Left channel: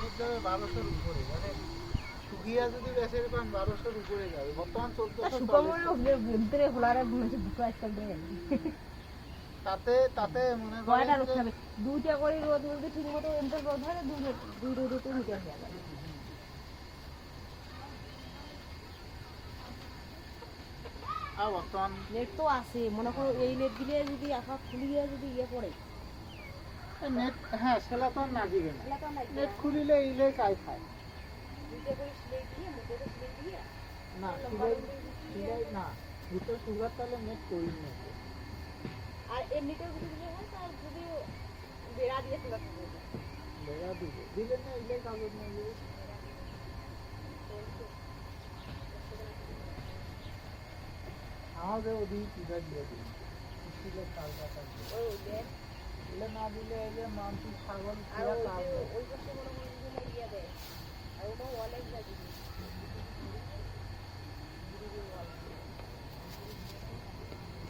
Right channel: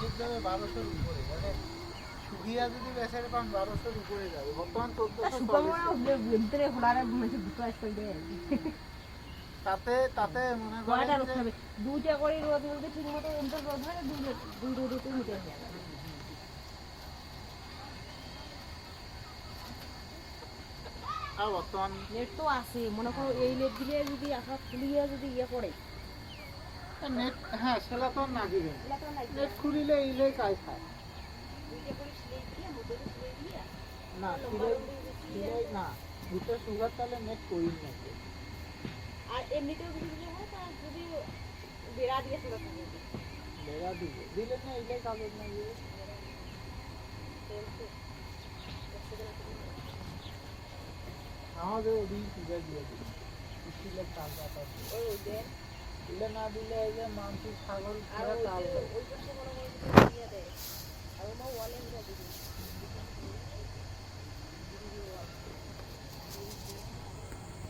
Rate যাবে 1200-র উপরে, মানে সুবিয়া যদি বেচের পান 1200-র উপরে যাবে। বর্তমান 1440। তাতে মনে করেন যে দুইটা করে রোদ মধ্যে ঠিক মতো রোদ হয় দুই রোদে মিটার হয়ে যাবে। আর বর্তমান নেট তো আছে, মনে করো এই নেট দিলে যদি আশা খুলিয়ে যদি ইয়ে করে নেট, হ্যাঁ সেটা তো না দিবেন, নেট খুলিলে এইলে কাজ খায় না, সিলাই না ভিতরে সুগার তাহলে নেট করি না। আর এমনিতেও যদি হয় তার যদি বেড়া দিয়ে সুগার বেড়া দিলে না এইলে কাগজ না দিয়ে আমাদের ওদিকে সুগার দিয়ে দিই স্টিলের চালটা দিলে না দিলে এই যে মানসিক ছাগল তাল